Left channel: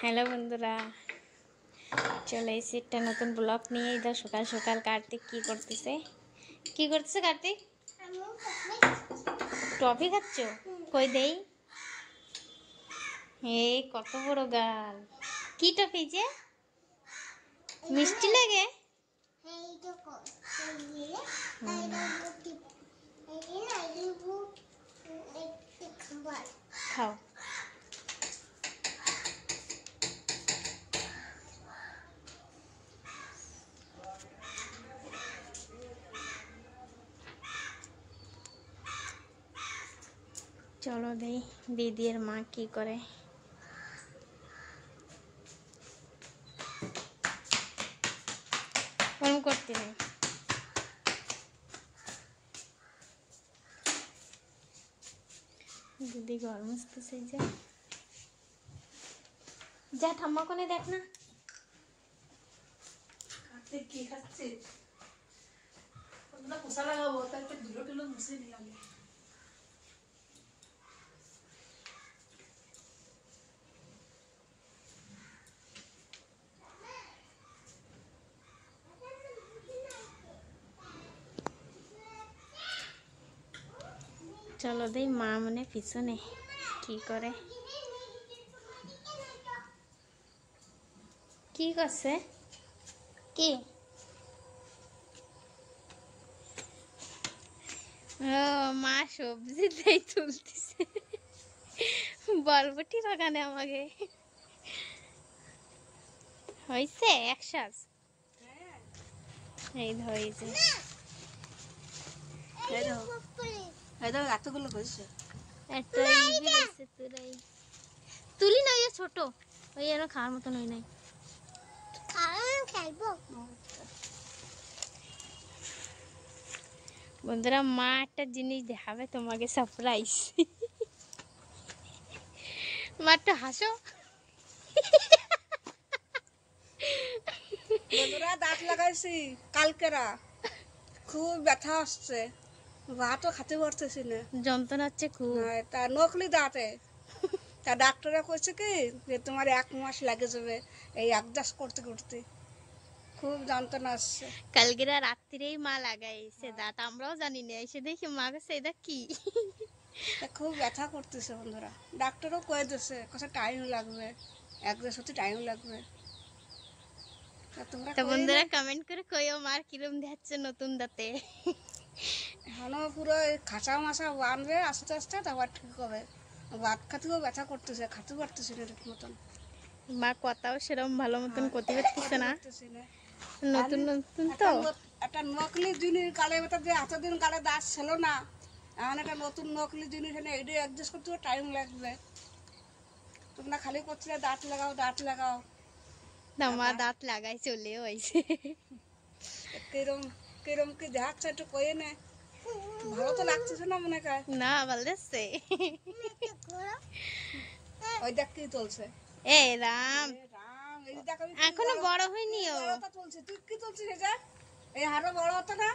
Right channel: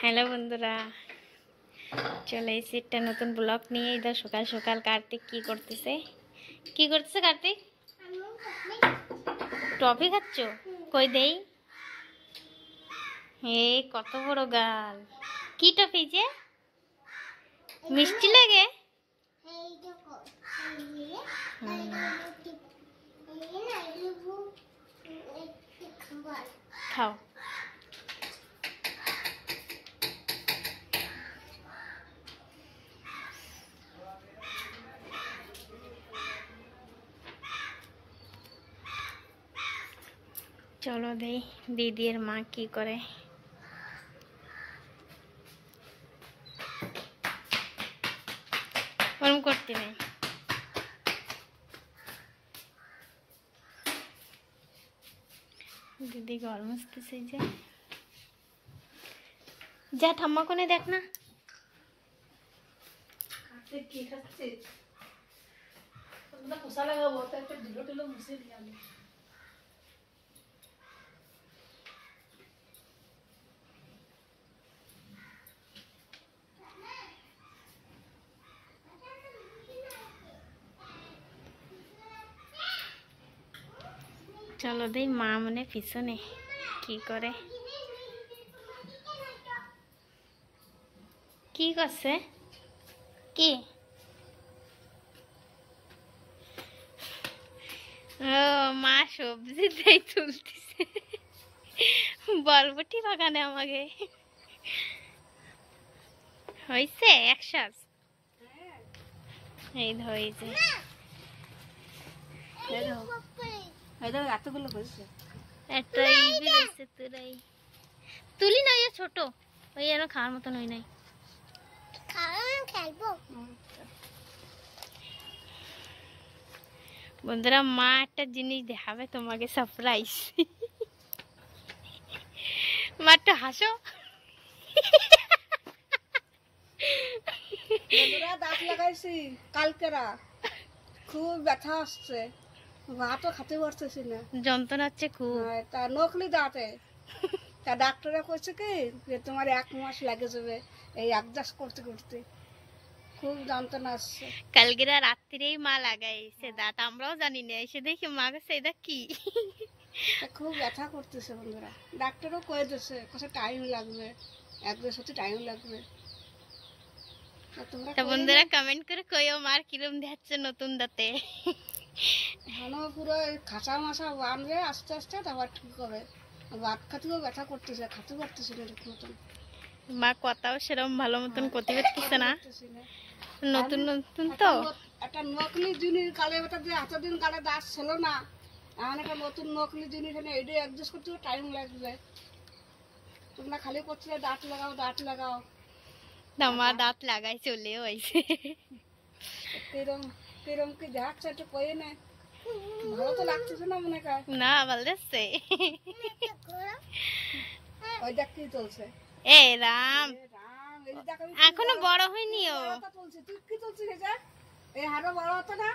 Hello বন্ধুরা, চলে এসেছি একটা নতুন ব্লগ নিয়ে। ইধর সকাল সকাল কার্তিক কি করতেছে কার্তিক? টফি খাচ্ছ? কই দেই। হে কত বড় গাল! কি টফি যে মিষ্টি লাগে? খাও। চলো দেই দিদির মা কি করে। ওরম করতে নেই। দিদি ঘর মুছতেছে যে। যা ঠাম্মা কোনে দেখ না। কি খাচ্ছে? তোমরা পোষা লাগাবো তো একটা ঢিলো ঢিলো মুছে নিয়ে আমি। চলো দেই মা মনে পিছনে কি করে। কি করছে? কি? ও মা সবজি দেই তুলতেছে বরবটি বাগানে আমাকে হয়েছে একসাথ। এই ধরেছে এতগুলো হয়েছে। একটা ইবি রয়েছে তোরাই তুলি না, যে ছোট ওই আর খাওয়ার মতন হই নাই। বন্ধুরা মা একটা জিনিস দেখাবে তোমাকে, সারপ্রাইজ। মা একটু হাসো। বন্ধুরা দাঁত লাগাইছি কালকেরা, খুব ব্যথা আসছে, ভাতও খেতে পারতেছি না, যন্ত্রণা হচ্ছে খুব। তা নকলি দাঁতে। তা ডাক্তাররা কইছে কি যে তোমার 1 মাস লাগে যাবে এই অ্যাডজাস্ট করতে করতে, খুব যন্ত্রণা আসছে। কালকেরা রাত্রিরেই মা লাগাইছে দাঁত, আমরাও জানি না, এসে দেখি মা কাছে এটা কি। তা খুব ব্যথা করতেছে বন্ধুরা, ডাক্তারও কয়ে দিচ্ছে কথা টাইম লাগবে, অ্যাডজাস্ট হতে টাইম লাগবে। তা তোমরা তো বন্ধুরা কমেন্ট করে কইও মার কিরম দেখাচ্ছে নতুন দাঁতে। এখনো পুরো খাঁচা মাছা বানবে আস্তে আস্তে, তারপর ঠিক হবে। ভাত খাতেও ব্যথা করতেছে, খেতে পারতেছি না ঠিক মতন। মা কথাও সেরকম ভালো মতন করতে পারতেছে না, নতুন নতুন তো। একটা নকলি জিনিস গালে বেটা দিয়ে এতদিন গালে দাঁত ছিল না, এখন একটা নতুন নকলি জিনিস এনে এটা অ্যাডজাস্ট করতে টাইম লাগবে। তোমরা খালি করছিলে দাঁত লাগাও দাঁত লাগাও, মা দাঁত লাগাই চলেও আইছে। কিরম কিরম কি দেখাচ্ছে একটু কয়ে নে, ভালো তো লাগতেছে না মনে হয়। না ভালো লাগছে। ওই দেখ কি চলছে। এ রাম, রাম, এই দেখ আমি এখনো বড় হয়নি ও। তুলছে, তুই কি তুলছিস এটা? এই হাড়ও বড় হতো না,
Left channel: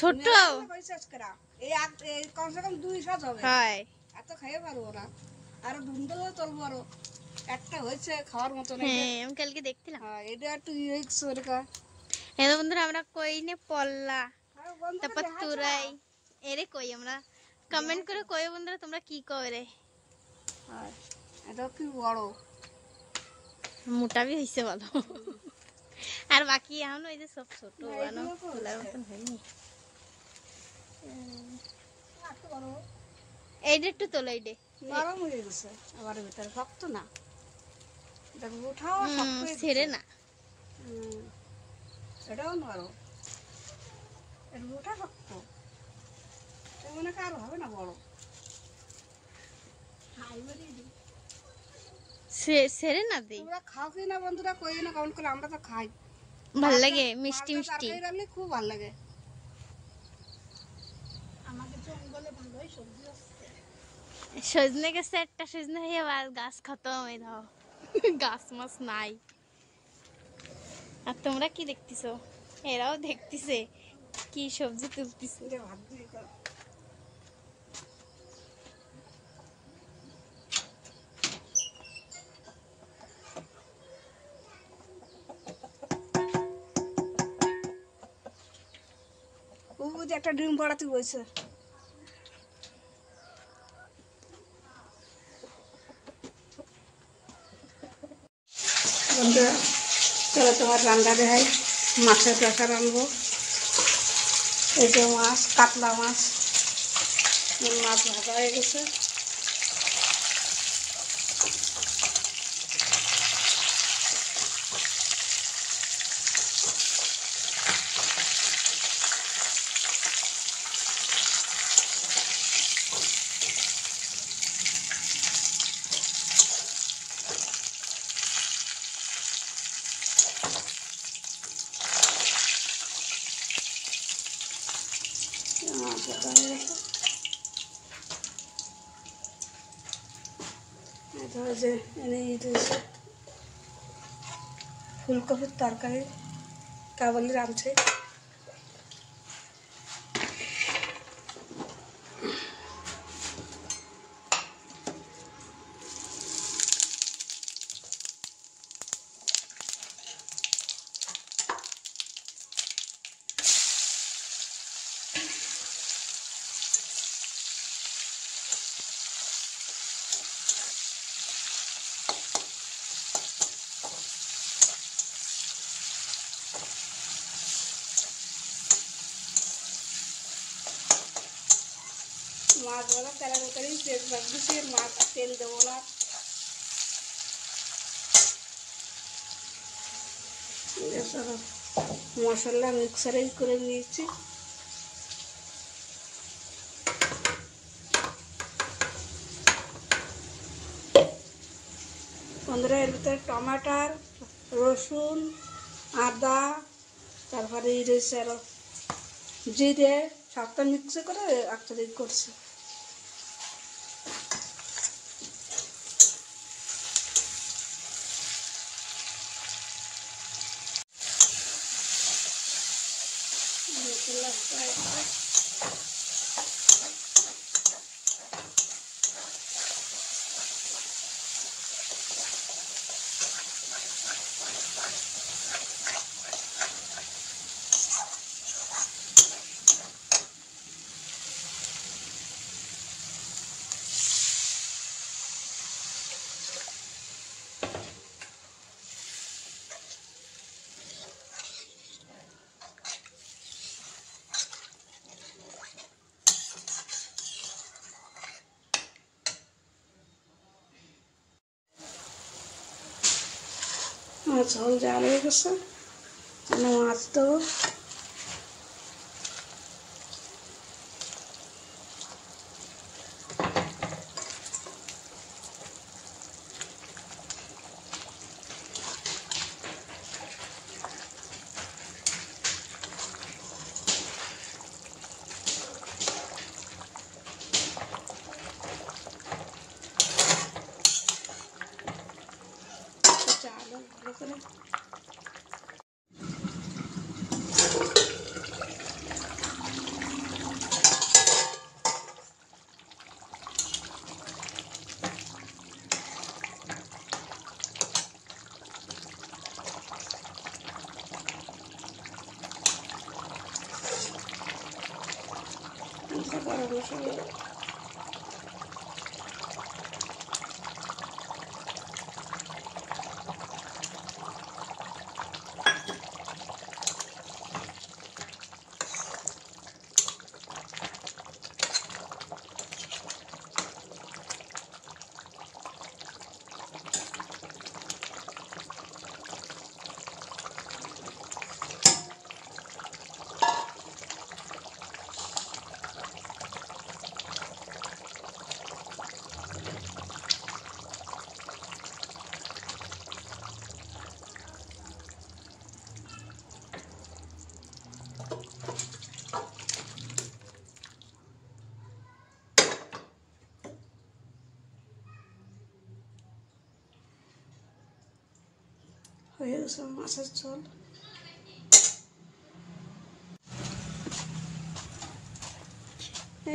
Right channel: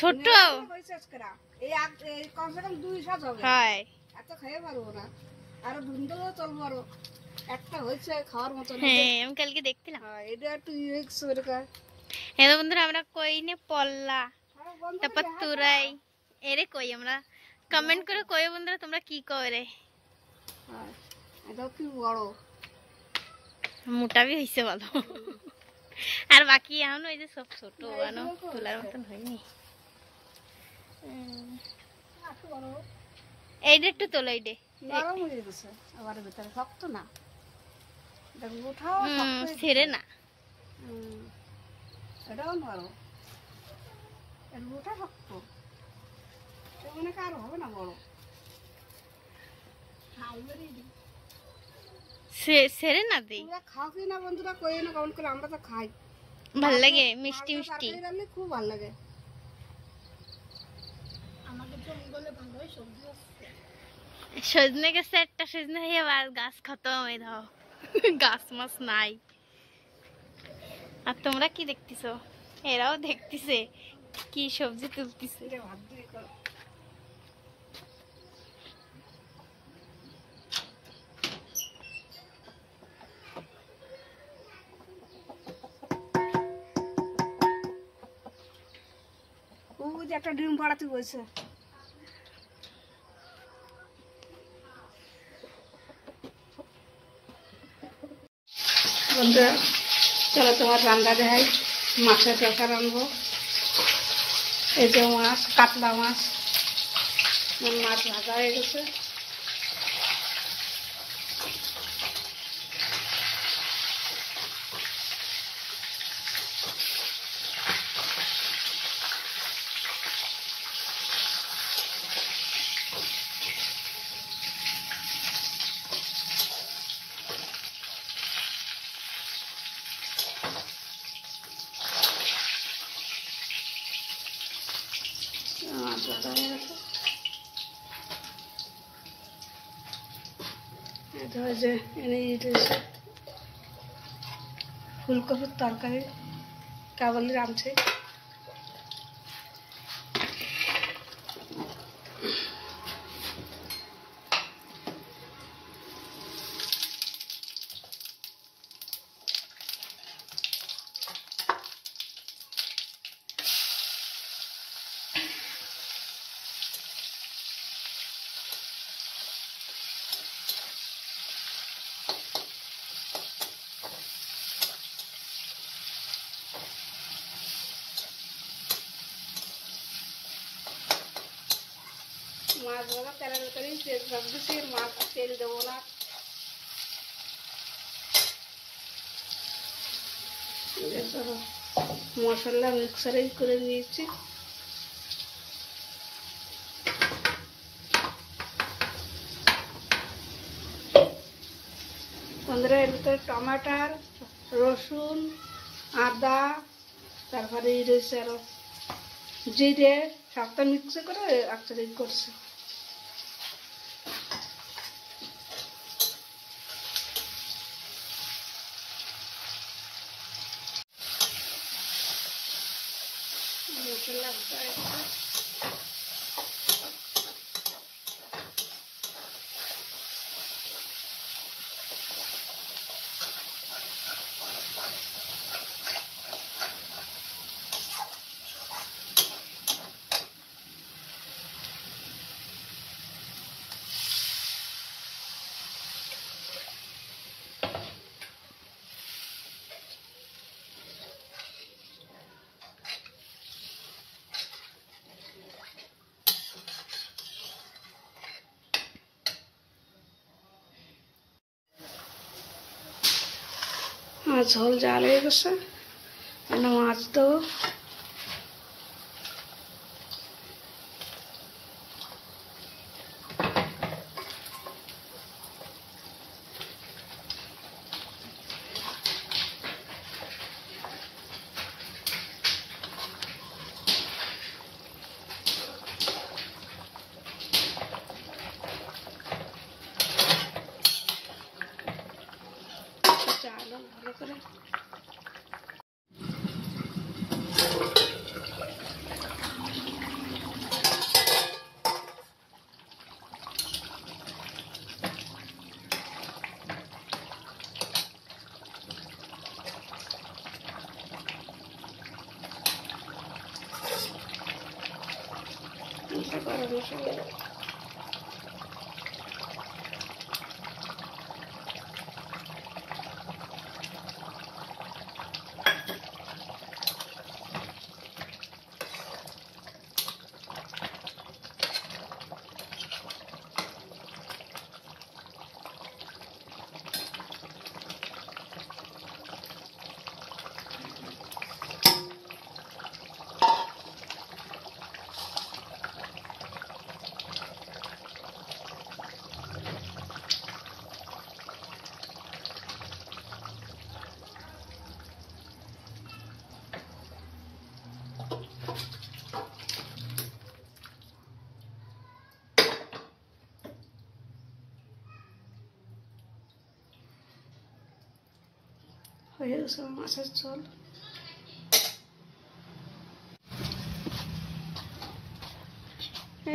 ছোট হয়েছে আজকেরা। এই কমসে কম 2 সাজ হবে, হয়। এত খাইয়ে পারবো না, আরো ধুন্দলেও চলবো আরো। একটা হয়েছে খাওয়ার মতো না। হ্যাঁ আমি কালকে দেখছিলাম। এটা একটু ইউনিক্স এরকম। হ্যাঁ বন্ধুরা আমরা কইনে পল্লা, তারপর তুরাই এরে কই আমরা। কমেন্ট করে কই বন্ধুরা তোমরা কি করে। এটা কি বড় মোটাবি হইছে ভালো, আর বাকি এখন ওই যে সব ছোট আনো তোলার মতন হয়নি। এইটা একটু তোলো, এইটা নরম হয়ে গেছে, আবার ভিতরে শক্ত না, এটা উঠাও ছেড়ে না। এটাও নরম, এর উঠা শক্ত, মনে হয় আর হবে না বড়। ছেড়ে না দেই। তোমরা খাও কি না বন্ধুরা কই না কমেন্ট করে, আমরা তো খাই, ভাল লাগে মিষ্টি মিষ্টি। তরকারি রান্না খুব ভালো লাগে। সজনে গেছে একটা সজনে হয়ে আর গাছ খতম হয়ে দাও, গাছ মাছ নাই। আর তোমরা কি দেখতেছো? এরাও দেখতেছে কি সবজি তুলতেছে। যে একটা ডিম পাড়াতে বসে। বন্ধুরা চলো তোমার রান্না দেখাই। মাছের পেঁচা রানবো। এই যে মাছ, কাতলা মাছ, মাছ ভাজা হয়ে গেছে। মাছ ভাজা হয়ে গেছে। এটা হয় যে এনে দিয়েছে ফুলকপির তরকারি, কাবলি রাঁধছে। মাছ ভাজা তেলের ভেতরেই তেল রাখতেছি, মাছ তেল দেবো না। মশলা মিক্সারেই করে নিয়েছি। বন্ধুরা এর ভিতরে টমাটার, রসুন, আদা, তারপরে এই রয়েছে আরো জিরে, সবটা মিক্স করে একসাথে করছি। মশলা ঝোল জাল হয়ে গেছে, মাছ দেবো। চাল ভালো করে গরম মশলা হয়ে গেছে মাছের ঝোল।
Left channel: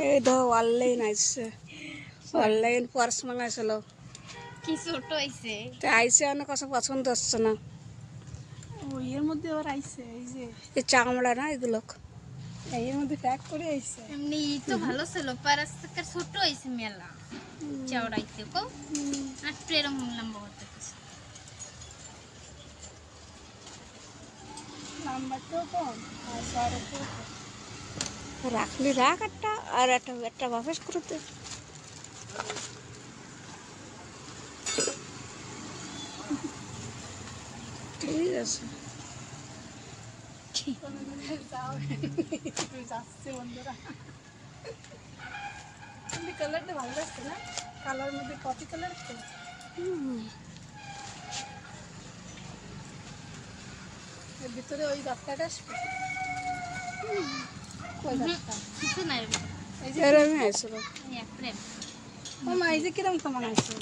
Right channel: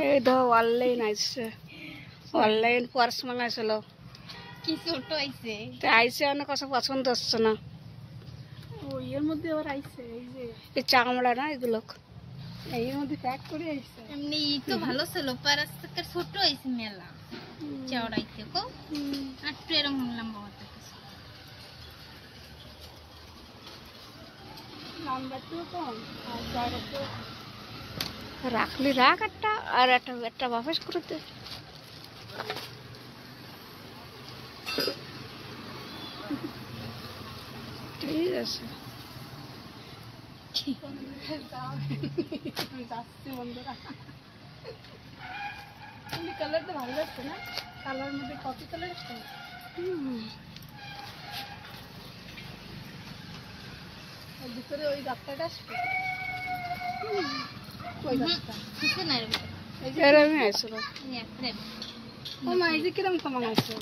এই ধর অনলাইন আসছে, অনলাইন পার্স মাঙাইছিল, কি ছোট হইছে তো আইসে অনেক কথা পছন্দ হচ্ছে না। ওই এর মধ্যে ওর আইছে এই যে এই চামড়া না এগুলো এর মধ্যে প্যাক করে এসছে। এমনি তো ভালো ছিল, পারাস থেকে ছোট হয়েছে মেলা চওড়াইতে কো, আর একটু এরকম লম্বা হতে গেছে। নাম্বারটাও কম আর বড়টাও কম। রাখলি রাখ একটা, আর একটা বাফেস করে দে। ঠিক আছে, যাচ্ছি বন্ধুরা। কালারটা ভালো লাগছে না? কালার মধ্যে কপি কালার আছে। এর ভিতরে ওই গাছটা আসবে। কই গাছটা? কিছু নাই রে ভিতরে। এই যে এরকমই আসলো। এই এপ্রিল ও মা, এই যে কিরম কেমন আসলো?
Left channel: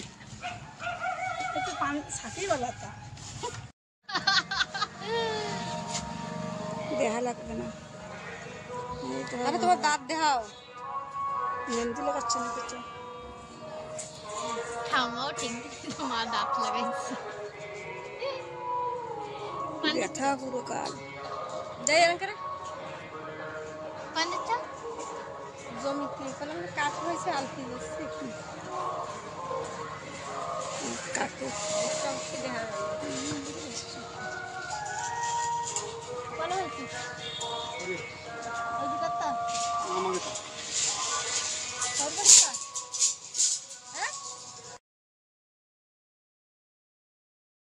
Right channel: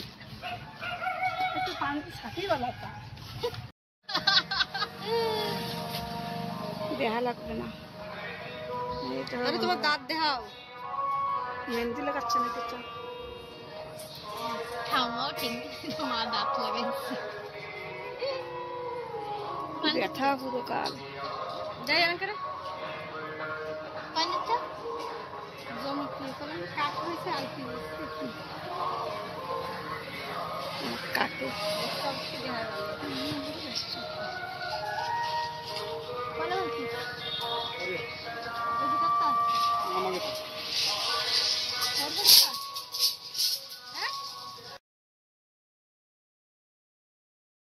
একটু পান সাথী গলাটা দেহা লাগবে না। এই তো আরে তোমার দাঁত দেখাও। মেহেন্দি লাগাচ্ছে না কিছু? ঠাম্মাও ঠিক মা দাঁত লাগাইছে। ব্যথা পুরো কাল। যাই আর করে পানিটা জমি কি করে কাট হয়েছে আর কি হয়েছে কাটে সব কি দেখা গেল।